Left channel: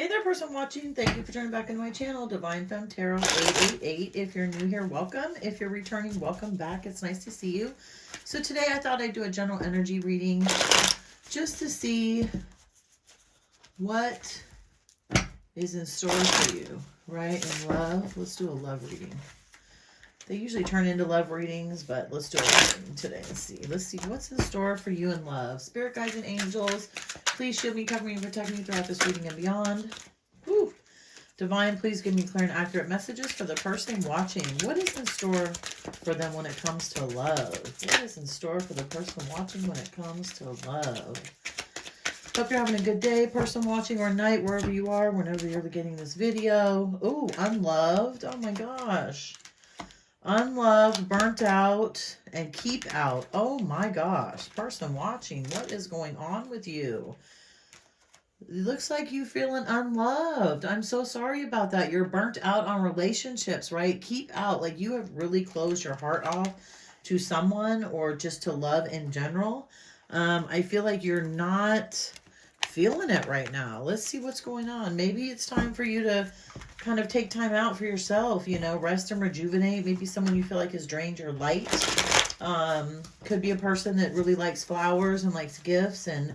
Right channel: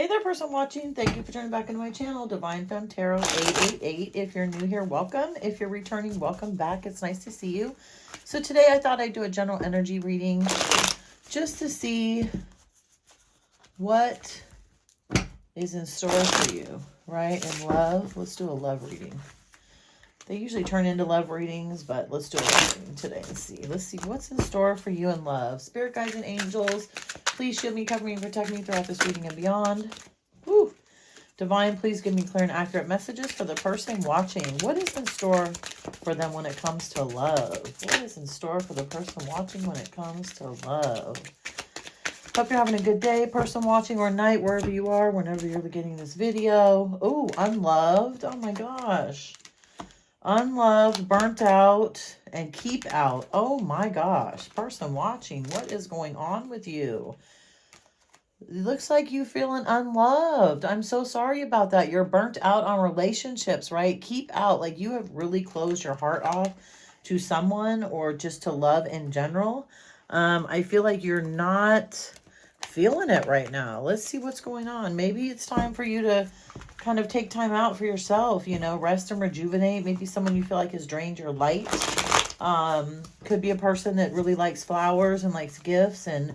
Hey there, person watching. Thank you for turning back into my channel, Divine Femme Tarot 888. If you're new here, welcome. If you're returning, welcome back. It's nice to see you. So today I thought I'd do a general energy reading just to see what is in store for you, right? In love. Let's do a love reading. They usually turn into love readings, but let's do a love reading today and see. Let's see what's in store for you in love. Spirit guides and angels, please shield me, cover me, and protect me throughout this reading and beyond. Woo. Divine, please give me clear and accurate messages for the person watching. What is in store for them when it comes to love? What is in store for the person watching when it comes to love? Hope you're having a good day, person watching, or night, wherever you are, whenever you're getting this video. Oh, unloved. Oh my gosh. Unloved, burnt out, and keep out. Oh my gosh. Person watching, what is going on with you? It looks like you feeling unloved. I'm so sorry about that. You're burnt out on relationships, right? Keep out. Like you have really closed your heart off to someone or just to love in general. I feel like you're not feeling it right now. Let's see what's going on. Maybe it's time for you to kind of take time out for yourself, you know, rest and rejuvenate. Maybe someone you feel like has drained your light. Could be a person that really likes flowers and likes gifts, and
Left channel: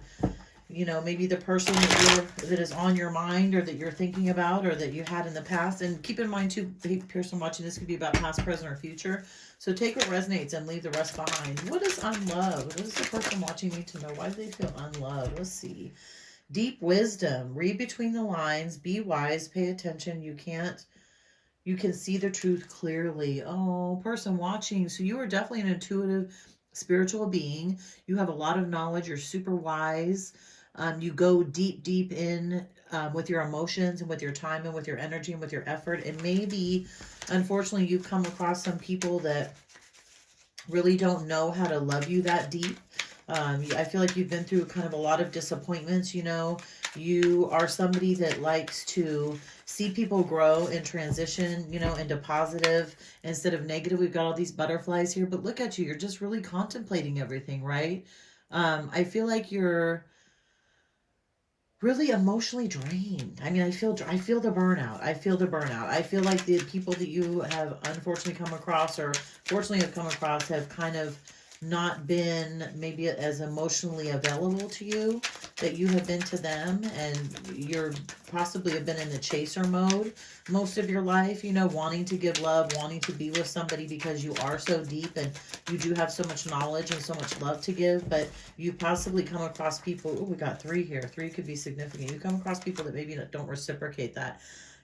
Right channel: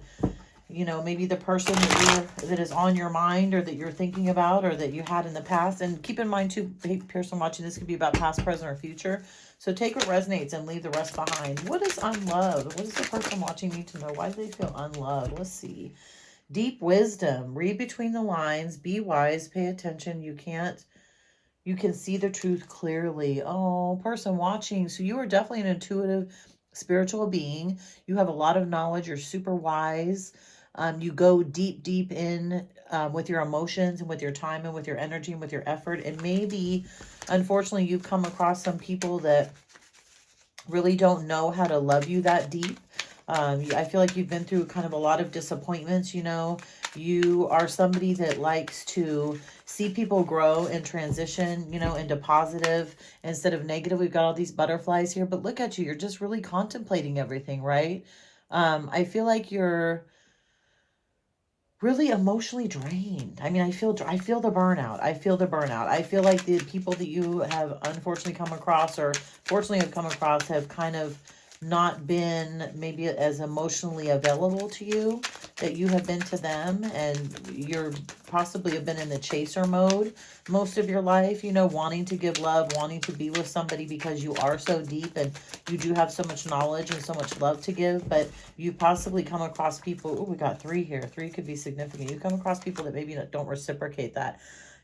you know, maybe the person that is on your mind or that you're thinking about or that you had in the past. And keep in mind too, hey, person watching, this could be about past, present, or future. So take what resonates and leave the rest behind. What is unloved? What does the person watching need to know? Why do they feel unloved? Let's see. Deep wisdom. Read between the lines. Be wise. Pay attention. You can see the truth clearly. Oh, person watching. So you are definitely an intuitive, spiritual being. You have a lot of knowledge. You're super wise. You go deep in with your emotions and with your time and with your energy and with your effort. And maybe, unfortunately, you've come across some people that really don't know how to love you that deep. I feel like you've been through kind of a lot of disappointments, you know. You are somebody that likes to see people grow and transition, you know, into positive instead of negative. We've got all these butterflies here, but look at you. You're just really contemplating everything, right? I feel like you're really emotionally drained. I mean, I feel the burnout. I feel the burnout. I feel like the people that you have unfortunately come across or fortunately have come across have kind of not been maybe as emotionally available to you that you have been to them, and you're possibly have been in a chaser mode most of your life, you know, wanting to give love, wanting to be with somebody because you are so deep and you do have so much knowledge and so much love to give. But you possibly come across people, oh, we got 3 here. 3 could be significant. You come across people that maybe don't reciprocate that.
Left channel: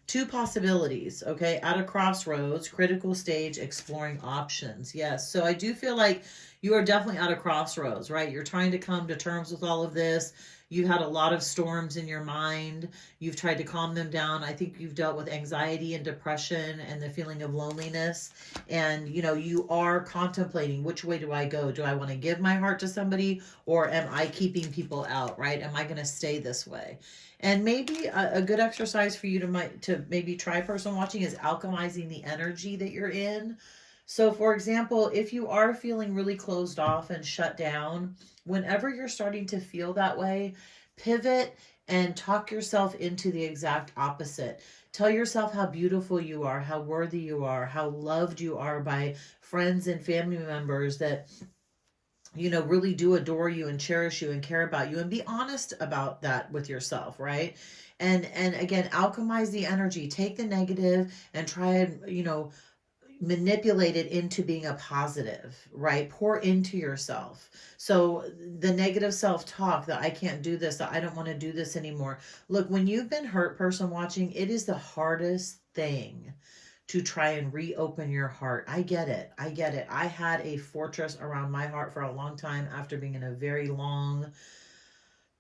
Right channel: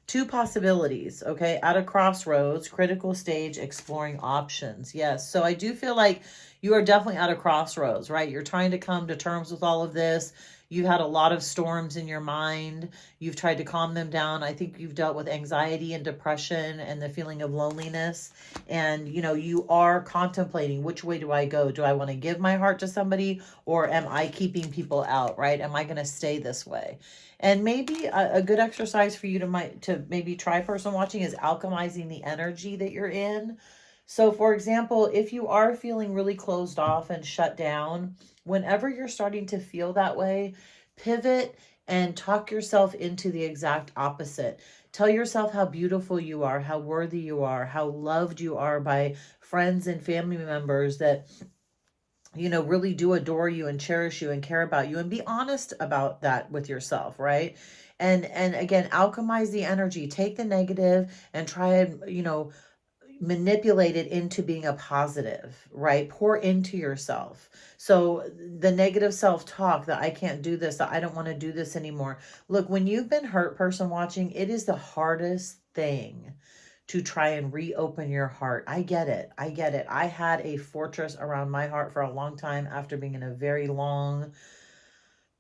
2 possibilities, okay? At a crossroads, critical stage, exploring options. Yes, so I do feel like you are definitely at a crossroads, right? You're trying to come to terms with all of this. You've had a lot of storms in your mind. You've tried to calm them down. I think you've dealt with anxiety and depression and the feeling of loneliness. And, you know, you are contemplating, which way do I go? Do I want to give my heart to somebody, or am I keeping people out, right? Am I going to stay this way? And maybe a good exercise for you to maybe try, person watching, is alchemizing the energy that you're in. So for example, if you are feeling really closed off and shut down, whenever you're starting to feel that way, pivot and talk yourself into the exact opposite. Tell yourself how beautiful you are, how worthy you are, how loved you are by friends and family members that, you know, really do adore you and cherish you and care about you, and be honest about that with yourself, right? And again, alchemize the energy. Take the negative and try and, you know, manipulate it into being a positive, right? Pour into yourself. So the negative self-talk that I can't do this, that I don't want to do this anymore. Look, when you've been hurt, person watching, it is the hardest thing to try and reopen your heart. I get it. I get it. I had a fortress around my heart for a long time after being in a very long,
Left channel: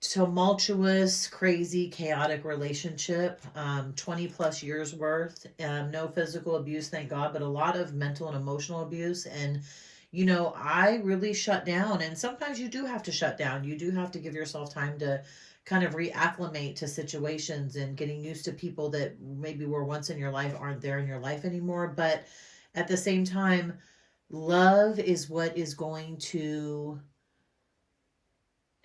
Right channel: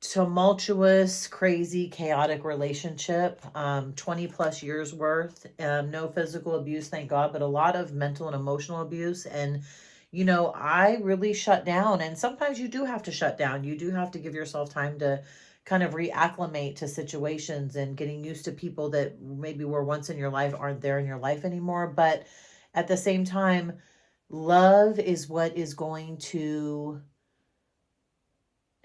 tumultuous, crazy, chaotic relationship, 20 plus years worth, no physical abuse, thank God, but a lot of mental and emotional abuse. And, you know, I really shut down, and sometimes you do have to shut down. You do have to give yourself time to kind of reacclimate to situations and getting used to people that maybe were once in your life aren't there in your life anymore. But at the same time, love is what is going to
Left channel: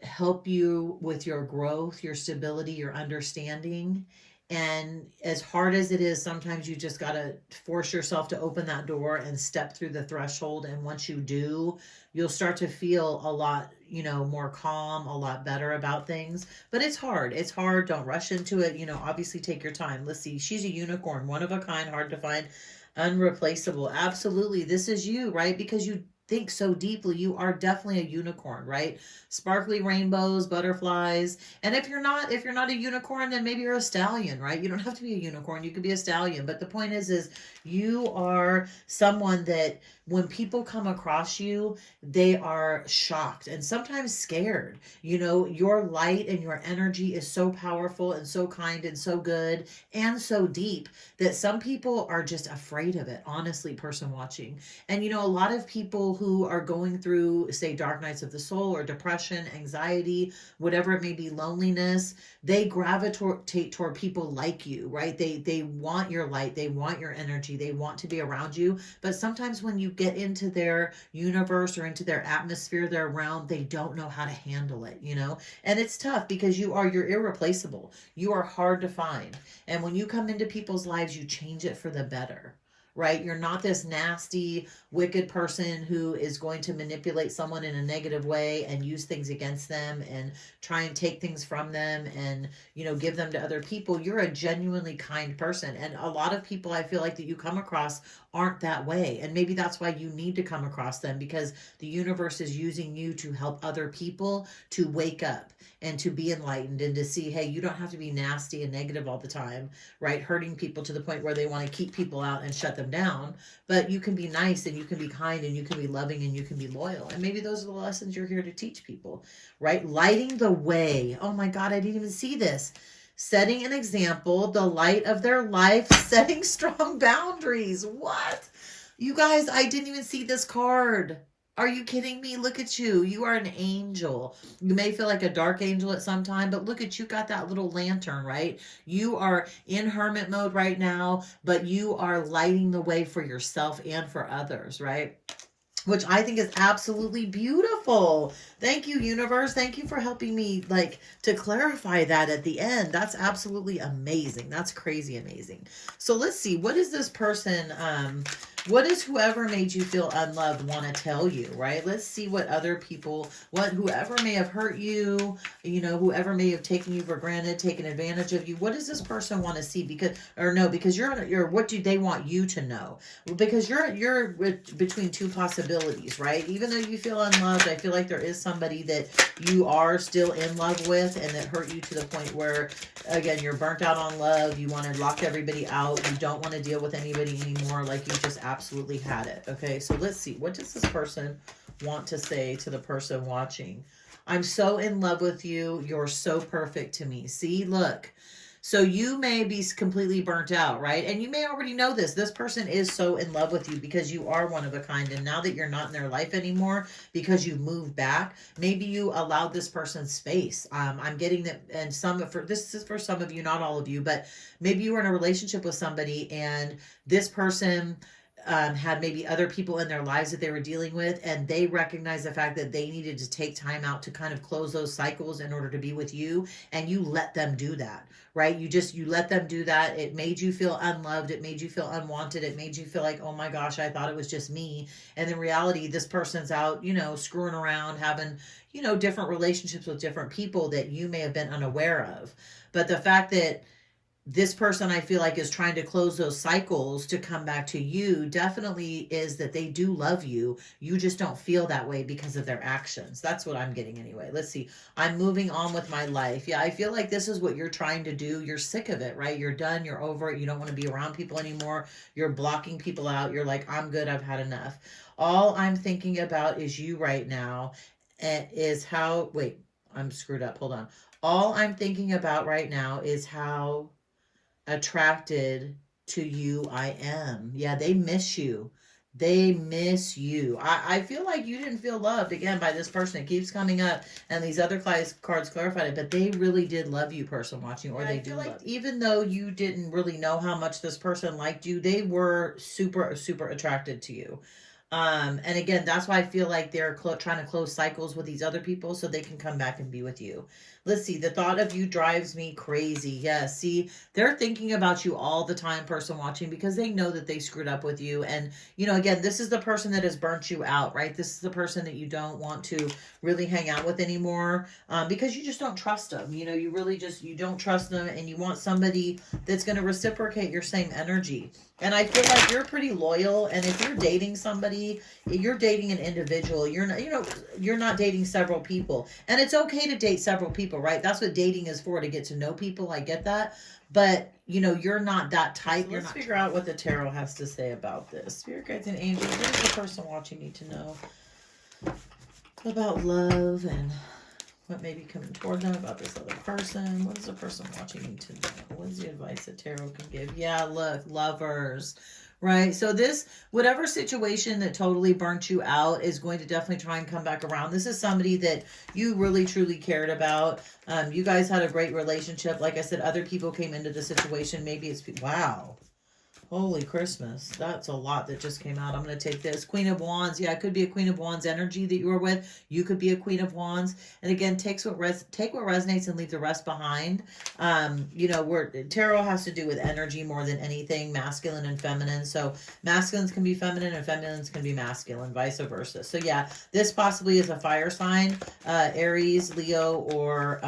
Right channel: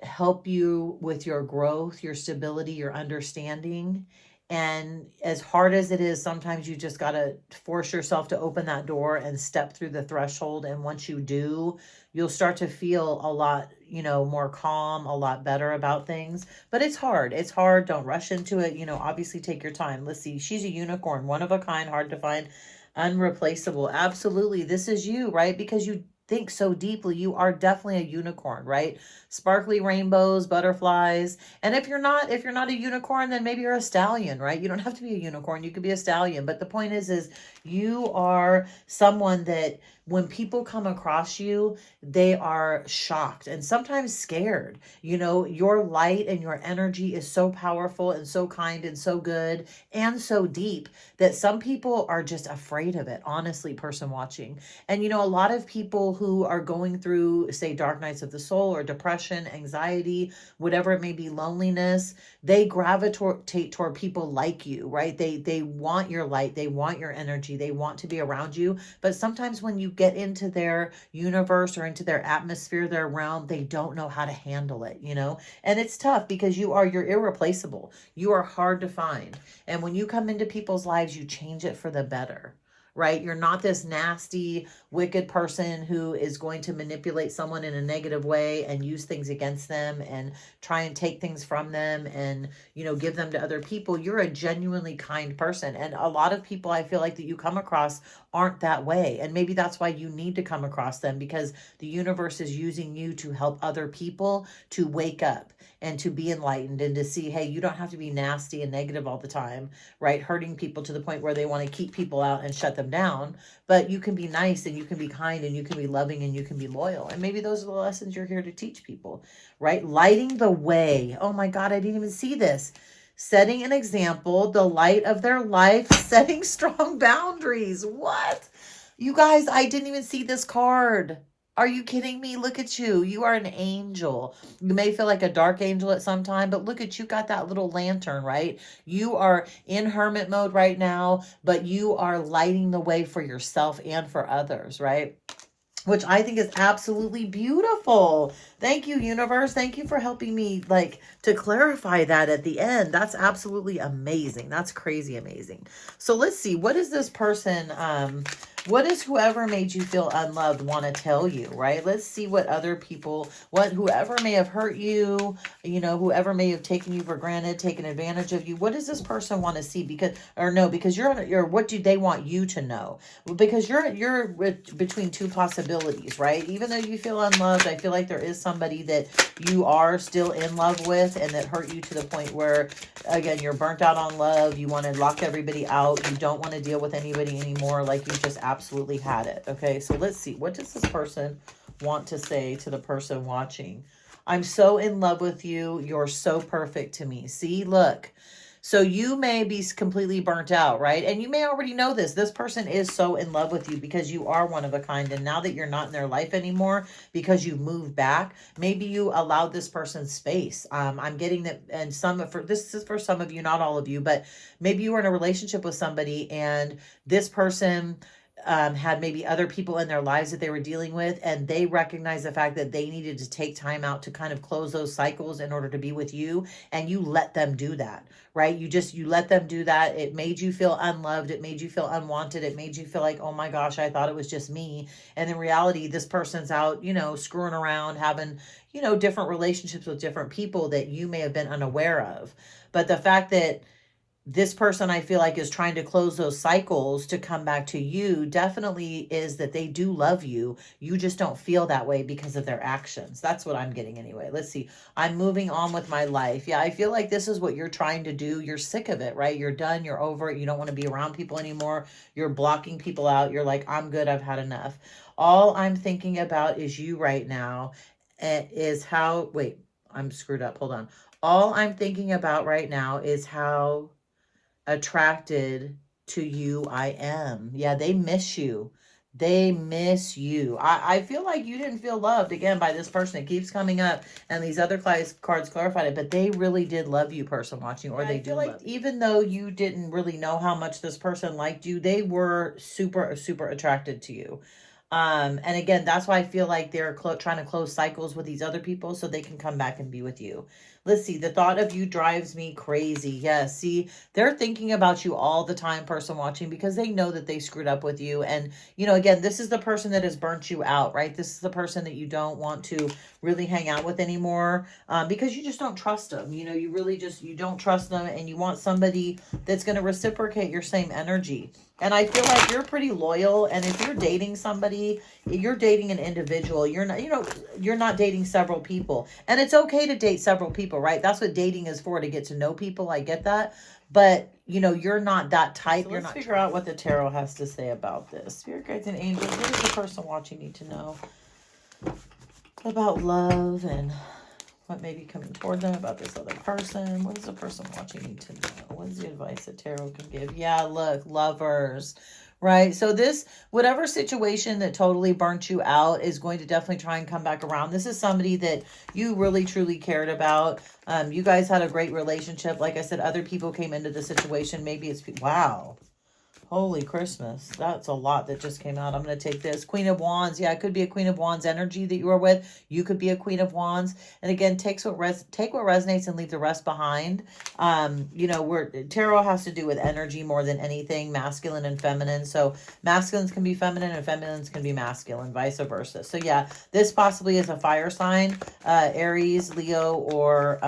help you with your growth, your stability, your understanding. And as hard as it is, sometimes you just got to force yourself to open that door and step through the threshold. And once you do, you'll start to feel a lot, more calm, a lot better about things. But it's hard. It's hard. Don't rush into it. Obviously take your time. Let's see. She's a unicorn, one of a kind, hard to find, unreplaceable. Absolutely. This is you, right? Because you think so deeply. You are definitely a unicorn, right? Sparkly rainbows, butterflies. And if you're not a unicorn, then maybe you're a stallion, right? You don't have to be a unicorn. You could be a stallion. But the point is you are someone that when people come across you, they are shocked and sometimes scared. Your light and your energy is so powerful and so kind and so good and so deep that some people are just afraid of it, honestly, person watching. And a lot of people who are going through, say, dark nights of the soul or depression, anxiety, whatever it may be, loneliness, they gravitate toward people like you, right? They want your light, they want your energy, they want to be around you. But sometimes when you get into their universe or into their atmosphere, their realm, they don't know how to handle it, And it's tough because you're irreplaceable. You are hard to find. And when you come into people's lives, you change it for the better, right? You're not this nasty, wicked person who is going to manipulate someone in a negative way and use things against them and try and take things from them and, give them to other people. You're a genuinely kind person. And a lot of people I feel like that you come across aren't that way. And maybe that's why you need to come across them, because the universe is using you to help other people to wake up and to be enlightened and to see, hey, you don't have to be nasty and negative all the time, right? Hurting people to the point where they want to keep people out and shut them down. But you can be nice and you can be kind and you can be loving and you can be loyal. And maybe those are the lessons you're here to teach people, right? Lighting the way. Oh my God, I didn't even see this. Setting an example, the light of their life, setting strong boundaries. What? You guys, I didn't even see this card. Are you kidding me? Look at you. You are an angel. You may feel like a dark angel at some time, but look at you, got that little lantern, right? You are in hermit mode right now, but you are lighting the way for yourself and for others, right? Which I think is absolutely beautiful. Thank you, universe. Thank you for helping me to clarify that at the end. That's absolutely amazing. That's crazy amazing. So let's see. What is this person, what does whoever made you feel unloved want to tell you, right? Let's see what other people, whoever may have hurt you, whoever may have taken you for granted, taken advantage of you. What does this person want to see? Because you're what do they want you to know? Because you're between two possibilities, right? Even though you feel unloved, I feel like there is somebody that you are still in love with and that hurt you to the point where, again, you're burnt out on love. You want to lock everybody out. You don't want to deal with anybody anymore. Like you just absolutely had it. Okay, so let's see. What does this person want to say to the person watching? I'm so in love with you. You're so perfect to me. See, look. So you may be completely burnt out, right? And you may already know this. This person is so in love with you because you are one of a kind. And now that you're not in their life anymore because you moved back, maybe you allowed this person space. I'm getting that, and this is for some of you, not all of you, but maybe you were in a relationship with somebody and this person had maybe other people in their lives that they were dealing with, and they recognized the fact that they needed to take time out to kind of close those cycles in order to be with you, and you let them do that, right? You let them do that. It made you feel unloved. It made you feel unwanted. It made you feel like, oh my gosh, I thought it was just me. And in reality, this person's out, screwing around, having, different relationships with different people that you may have been unaware of. But the fact that this person, I feel like, is trying to close those cycles to come back to you definitely is that they do love you. You just don't feel that way because of their actions. That's what I'm getting anyway. Let's see. I'm moving on with my life. Yeah, I feel like this is what you're trying to do. You're sick of it, right? You're done. You're over it. You don't want to be around people anymore. You're blocking people out. You're like, I'm good. I've had enough. All I'm thinking about is you right now. Wait, I'm screwed up. Hold on. All I'm thinking about right now is how attracted to you I am. Yeah, they miss you. They miss you. I feel like you didn't feel loved, again, by this person. It keeps coming up, and these other cards clarified it, but they really did love you, person watching, or they do love you. Even though you didn't really know how much this person liked you, they were super, super attracted to you. And again, that's why I feel like they're trying to close cycles with these other people so they can come back and be with you. Let's see. The thought of you drives me crazy. Yes. See, they're thinking about you all the time, person watching, because they know that they screwed up with you. And, you know, again, this is the person that has burnt you out, right? This is the person that you don't want to really hang out with anymore, because you just don't trust them. You know, you really just, you don't trust them, and you want somebody that's going to reciprocate your same energy. And I feel like you're pretty loyal. And if you're dating somebody, you're dating an individual. You're not, you know, you're not dating several people. And it's okay to date several people, right? That's what dating is for, to get to know people. I get that. But, you know, you're not that type. So let's figure out what the tarot has to say about this. Spirit guides and angels, what does the person watching need to know about love, and what may be coming toward them about this other person? What does the person watching need to know? What is the advice that tarot can give? Yeah, look, lovers, right? So this, whatever situation that totally burnt you out is going to definitely try and come back around. This is somebody that you really, truly cared about. You guys had a great relationship. Like I said, other people came into the situation. Maybe it's, wow. Holy Christmas. That's a lot that just came out. I'm going to take this. Queen of Wands. Yeah, it could be a Queen of Wands energy that you are with. You could be a Queen of Wands. And again, take what resonates and leave the rest behind. You know, tarot has to do with energy more than anything, masculine and feminine. So masculines can be feminine and feminines can be masculine, vice versa. So yeah, this possibly is a fire sign, Aries, Leo, or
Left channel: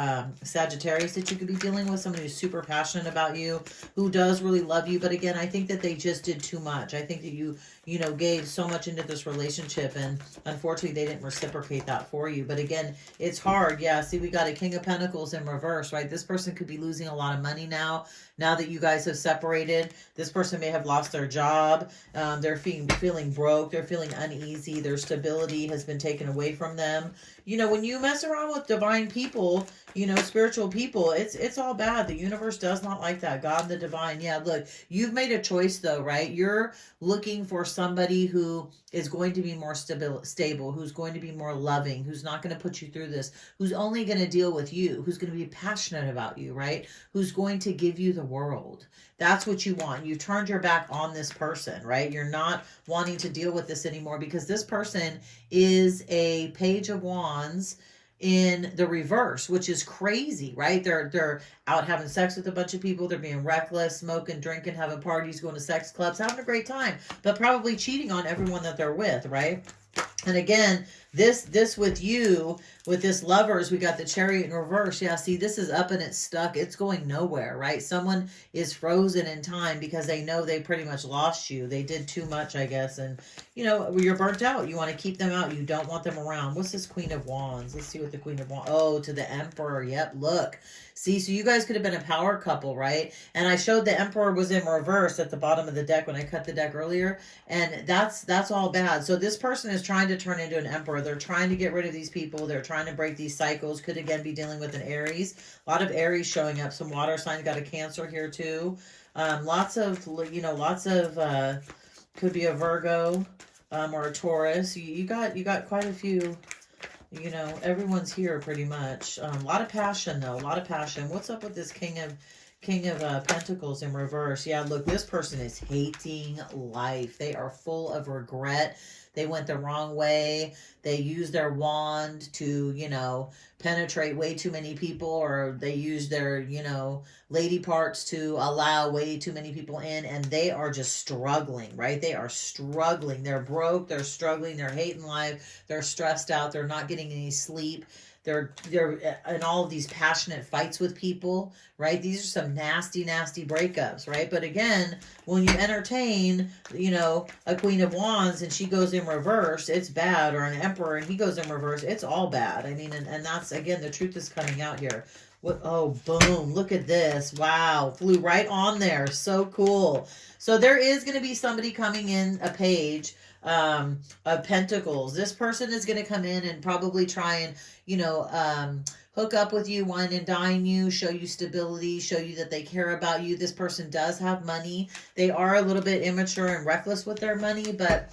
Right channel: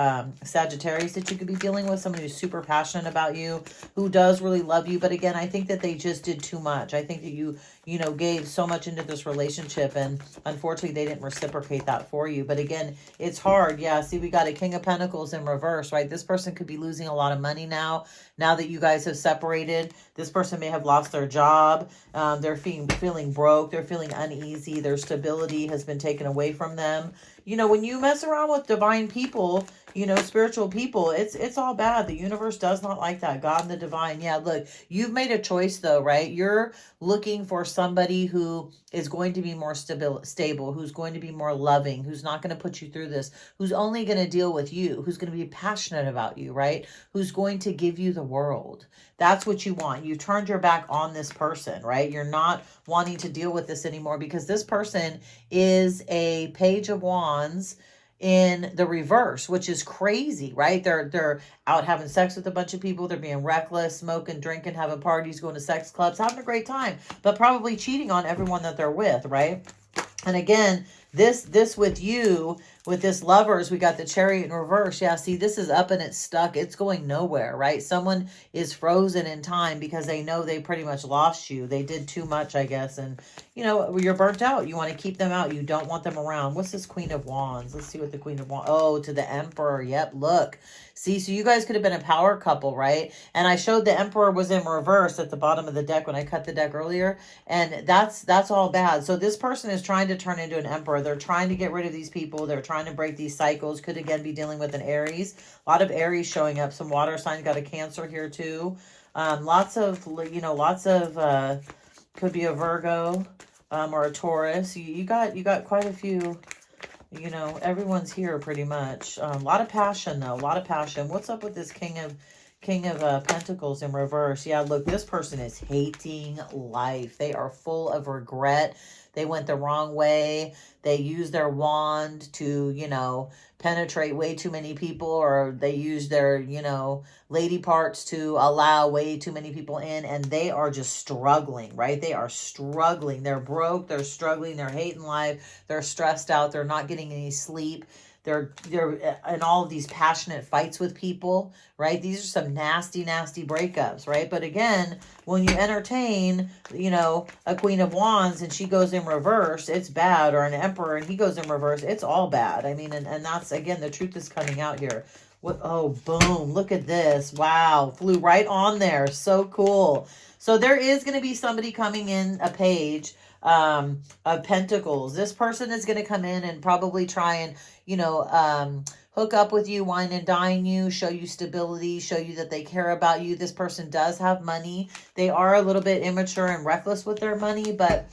Sagittarius that you could be dealing with. Somebody who's super passionate about you, who does really love you. But again, I think that they just did too much. I think that you know, gave so much into this relationship, and unfortunately they didn't reciprocate that for you. But again, it's hard. Yeah, see, we got a King of Pentacles in reverse, right? This person could be losing a lot of money now that you guys have separated. This person may have lost their job. They're feeling broke. They're feeling uneasy. Their stability has been taken away from them. You know, when you mess around with divine people, you know, spiritual people, it's all bad. The universe does not like that. God and the divine. Yeah, look, you've made a choice though, right? You're looking for somebody who is going to be more stable, who's going to be more loving, who's not going to put you through this, who's only going to deal with you, who's going to be passionate about you, right? Who's going to give you the world. That's what you want. You turned your back on this person, right? You're not wanting to deal with this anymore, because this person is a Page of Wands in the reverse, which is crazy, right? They're out having sex with a bunch of people. They're being reckless, smoking, drinking, having parties, going to sex clubs, having a great time, but probably cheating on everyone that they're with, right? And again, this with you, with this Lovers, we got the Chariot in reverse. Yeah, see, this is up and it's stuck. It's going nowhere, right? Someone is frozen in time because they know they pretty much lost you. They did too much, I guess. And, you know, you're burnt out. You want to keep them out. You don't want them around. What's this Queen of Wands? Let's see what the Queen of Wands... Oh, to the Emperor. Yep, look. See, so you guys could have been a power couple, right? And I showed the Emperor was in reverse at the bottom of the deck when I cut the deck earlier. And that's all bad. So this person is trying to turn into an Emperor. They're trying to get rid of these people. They're trying to break these cycles. Could again be dealing with an Aries. A lot of Aries showing up. Some water signs. Got a Cancer here too. Lots of, could be a Virgo or a Taurus. You got quite a few. You know, everyone's here pretty much. A lot of passion, though. A lot of passion. What's up with this King of Pentacles in reverse? Yeah, look, this person is hating life. They are full of regret. They went the wrong way. They used their wand to, you know, penetrate way too many people, or they used their, you know, lady parts to allow way too many people in, and they are just struggling, right? They are struggling. They're broke. They're struggling. They're hating life. They're stressed out. They're not getting any sleep. They're in all of these passionate fights with people, right? These are some nasty, nasty breakups, right? But again, when you entertain, you know, a Queen of Wands and she goes in reverse, it's bad. Or an Emperor and he goes in reverse, it's all bad. I mean, and that's, again, the truth is coming out here. What? Oh, boom. Look at this. Wow. Flew right on there. So cool. So there is going to be somebody coming in, a Page of Pentacles. This person is going to come in and probably try and, you know, hook up with you, wine and dine you, show you stability, show you that they care about you. This person does have money. They are a little bit immature and reckless with their money, but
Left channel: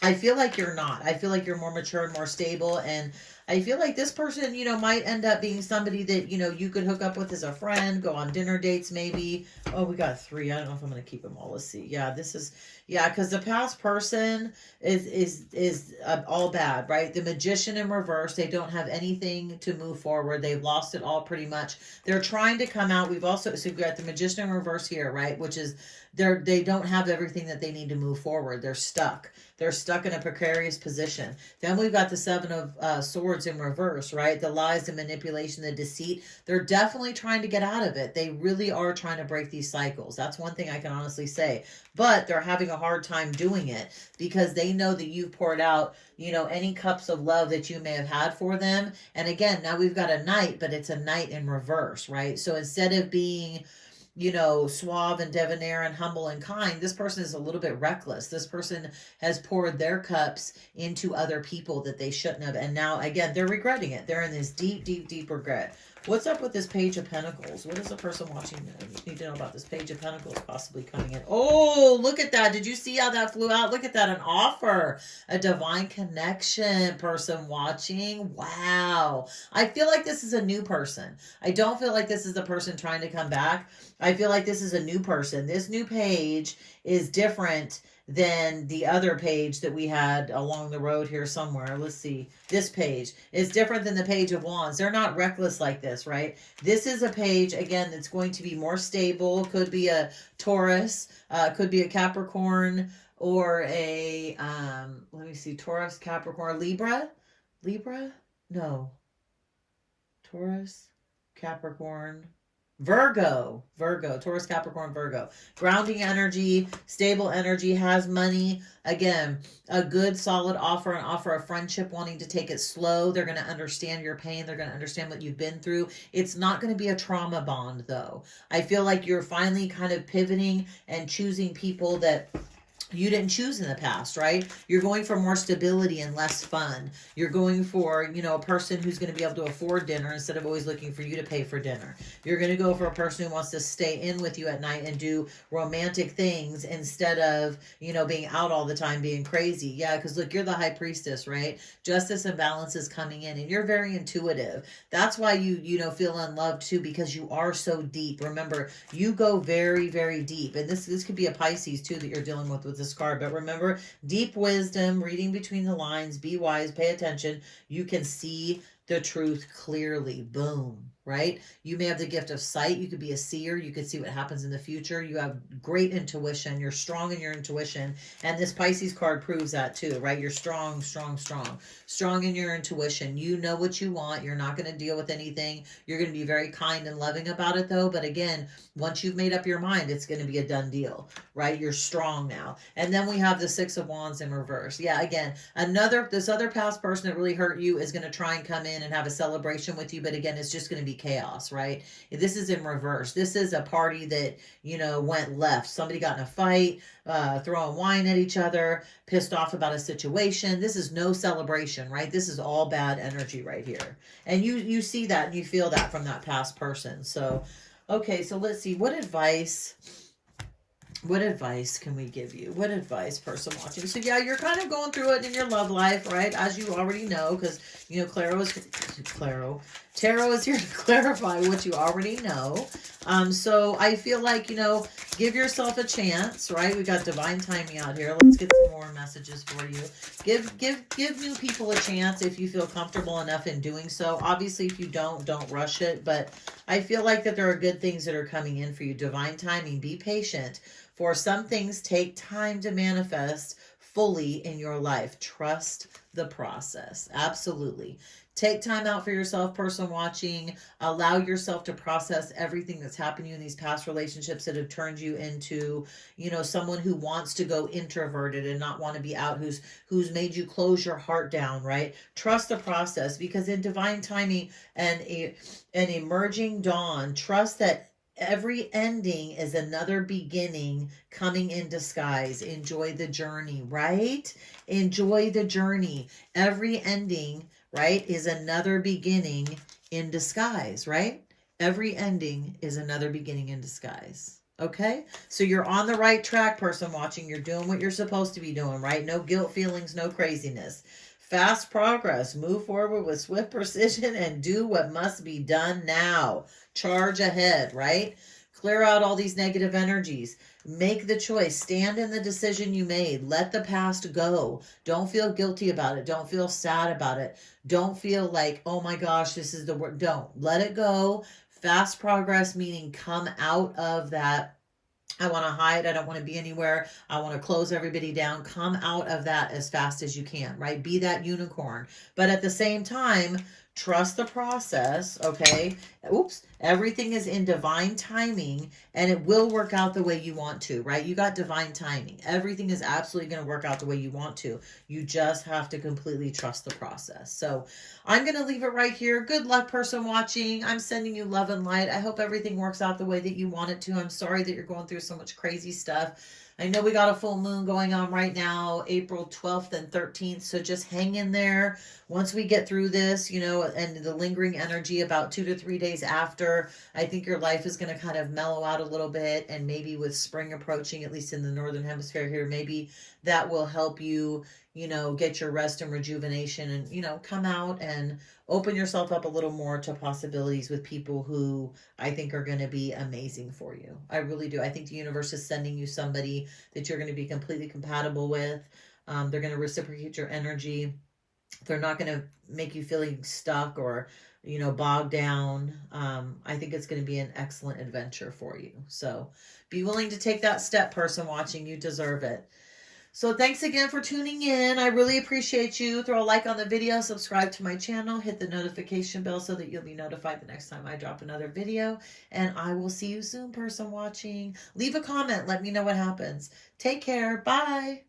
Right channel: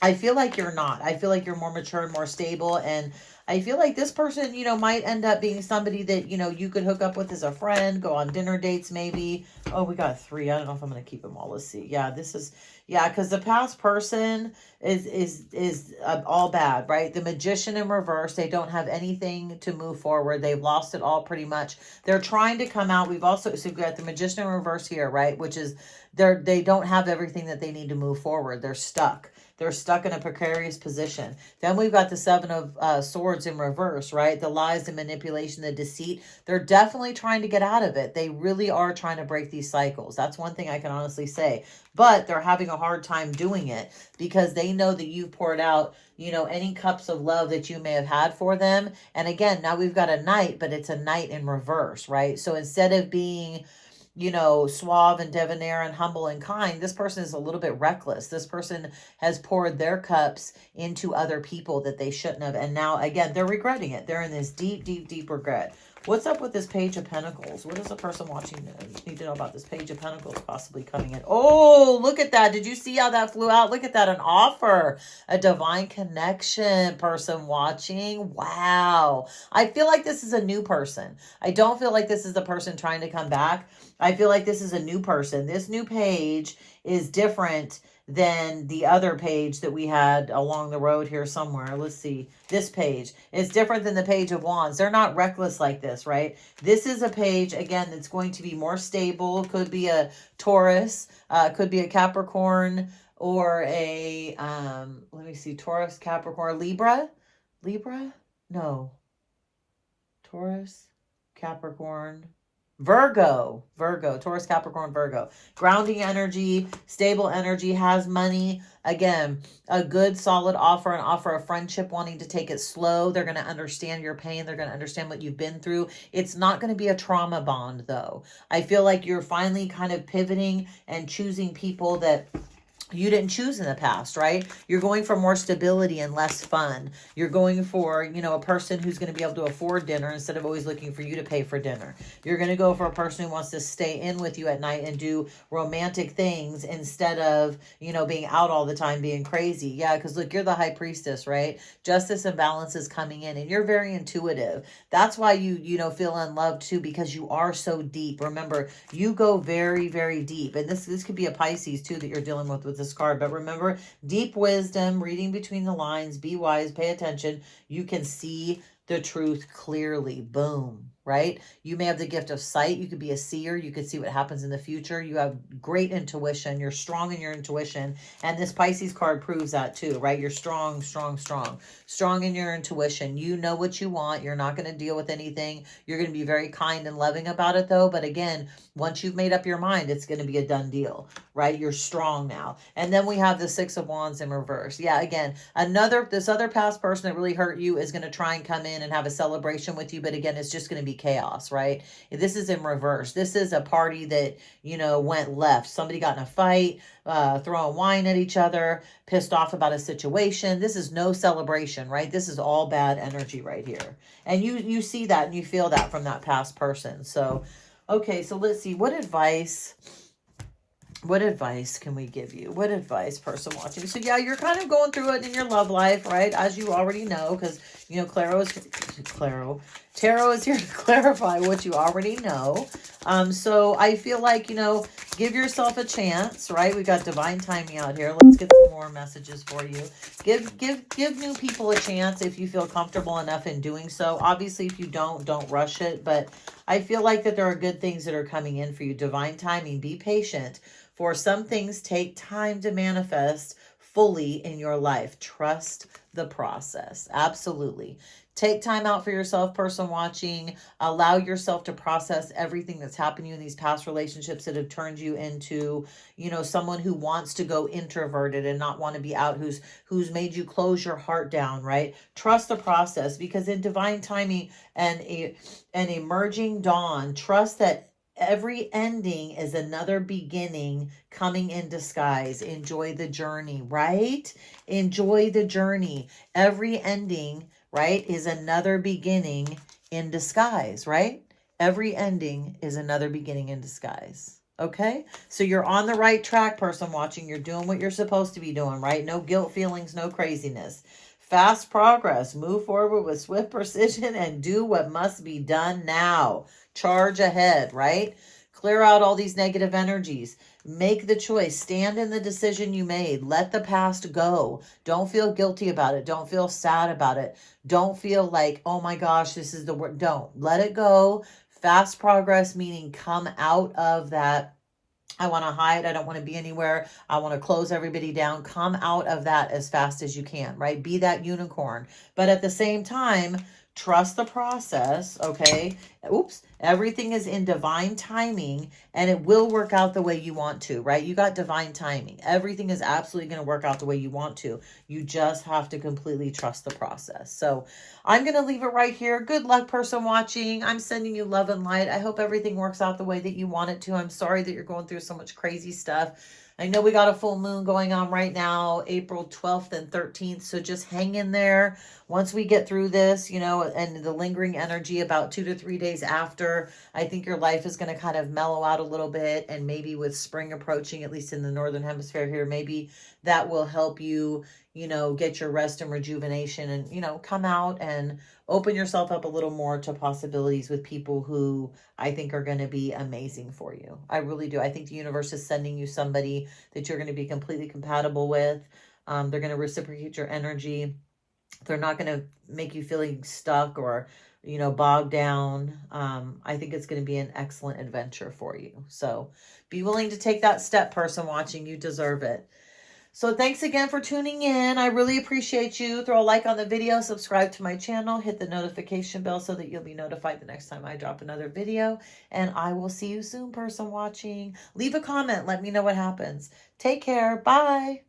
I feel like you're not. I feel like you're more mature and more stable, and I feel like this person, you know, might end up being somebody that, you know, you could hook up with as a friend, go on dinner dates maybe. Oh, we got 3. I don't know if I'm going to keep them all. Let's see. Yeah, this is, yeah, because the past person is all bad, right? The Magician in reverse. They don't have anything to move forward. They've lost it all pretty much. They're trying to come out. We've also, so we've got the Magician in reverse here, right? Which is, they don't have everything that they need to move forward. They're stuck. They're stuck in a precarious position. Then we've got the 7 of Swords in reverse, right? The lies, the manipulation, the deceit. They're definitely trying to get out of it. They really are trying to break these cycles. That's one thing I can honestly say. But they're having a hard time doing it because they know that you poured out, you know, any cups of love that you may have had for them. And again, now we've got a Knight, but it's a Knight in reverse, right? So instead of being, you know, suave and debonair and humble and kind, this person is a little bit reckless. This person has poured their cups into other people that they shouldn't have. And now, again, they're regretting it. They're in this deep, deep, deep regret. What's up with this Page of Pentacles? What is the person watching need to know about this Page of Pentacles possibly coming in? Oh, look at that. Did you see how that flew out? Look at that. An offer. A divine connection person watching. Wow. I feel like this is a new person. I don't feel like this is the person trying to come back. I feel like this is a new person. This new page is different than the other page that we had along the road here somewhere. Let's see. This page is different than the Page of Wands. They're not reckless like this, right? This is a page, again, that's going to be more stable. Could be a Taurus, could be a Capricorn, or a, let me see, Taurus, Capricorn, Libra? No. Taurus, Capricorn, Virgo, Taurus, Capricorn, Virgo. Grounding energy, stable energy, has money. Again, a good solid offer, an offer of friendship, wanting to take it slow. They're going to understand your pain. They're going to understand what you've been through. It's not going to be a trauma bond though. I feel like you're finally kind of pivoting and choosing people that you didn't choose in the past, right? You're going for more stability and less fun. You're going for, you know, a person who's going to be able to afford dinner instead of always looking for you to pay for dinner. You're going to go for a person who wants to stay in with you at night and do romantic things instead of, you know, being out all the time, being crazy. Yeah, because look, you're the High Priestess, right? Justice and balance is coming in, and you're very intuitive. That's why you know, feel unloved too, because you are so deep. Remember, you go very, very deep. And this could be a Pisces too that you're dealing with this card. But remember, deep wisdom, reading between the lines, be wise, pay attention. You can see the truth clearly. Boom, right? You may have the gift of sight. You could be a seer. You could see what happens in the future. You have great intuition. You're strong in your intuition. And this Pisces card proves that too, right? You're strong, strong, strong. Strong in your intuition. You know what you want. You're not going to deal with anything. You're going to be very kind and loving about it though. But again, once you've made up your mind, it's going to be a done deal, right? You're strong now. And then we have the 6 of Wands in reverse. Yeah, again, this other past person that really hurt you is going to try and come in and have a celebration with you. But again, it's just going to be chaos, right? This is in reverse. This is a party that, you know, went left. Somebody got in a fight, throwing wine at each other, pissed off about a situation. This is no celebration, right? This is all bad energy right here. And you see that and you feel that from that past person. So, okay, so let's see. What advice can we give you? What advice, person watching? So yeah, you're kind of going through it in your love life, right? As you already know, because, you know, Tarot is here to clarify what you already know. So I feel like, you know, give yourself a chance, right? We got divine timing out here. Let's get some more messages for you. Give new people a chance if you feel comfortable enough in doing so. Obviously, if you don't rush it. But I feel like that there are good things that are coming in for you. Divine timing. Be patient. For some things take time to manifest fully in your life. Trust the process. Absolutely. Take time out for yourself, person watching. Allow yourself to process everything that's happened to you in these past relationships that have turned you into, you know, someone who wants to go introverted and not want to be out, who's made you close your heart down, right? Trust the process, because in divine timing and an emerging dawn, trust that every ending is another beginning coming in disguise. Enjoy the journey, right? Enjoy the journey. Every ending, right, is another beginning in disguise, right? Every ending is another beginning in disguise. Okay? So you're on the right track, person watching. You're doing what you're supposed to be doing, right? No guilt feelings, no craziness. Fast progress. Move forward with swift precision and do what must be done now. Charge ahead, right? Clear out all these negative energies. Make the choice. Stand in the decision you made. Let the past go. Don't feel guilty about it. Don't feel sad about it. Don't feel like, oh my gosh, this is the word. Don't. Let it go. Fast progress, meaning come out of that. I want to hide. I don't want to be anywhere. I want to close everybody down. Come out of that as fast as you can, right? Be that unicorn. But at the same time, trust the process, okay? Oops. Everything is in divine timing and it will work out the way you want to, right? You got divine timing. Everything is absolutely going to work out the way you want to. You just have to completely trust the process. So I'm going to leave it right here. Good luck, person watching. I'm sending you love and light. I hope everything works out the way that you want it to. I'm sorry that you're going through so much crazy stuff. I know we got a full moon going on right now, April 12th and 13th. So just hang in there. Once we get through this, and the lingering energy about 2 to 3 days after, I think your life is going to kind of mellow out a little bit. And maybe with spring approaching, at least in the northern hemisphere here, maybe that will help you get your rest and rejuvenation and, come out and open yourself up a little more to possibilities with people who I think are going to be amazing for you. I really do. I think the universe is sending you somebody that you're going to be completely compatible with. They're going to reciprocate your energy. They're not going to make you feeling stuck or, bogged down. I think it's going to be an excellent adventure for you. So be willing to take that step, person watching. You deserve it. So thanks again for tuning in. I really appreciate you. Throw a like on the video, subscribe to my channel, hit the notification bell so that you'll be notified the next time I drop another video. And I will see you soon, person watching. Leave a comment. Let me know what happens. Take care. Bye.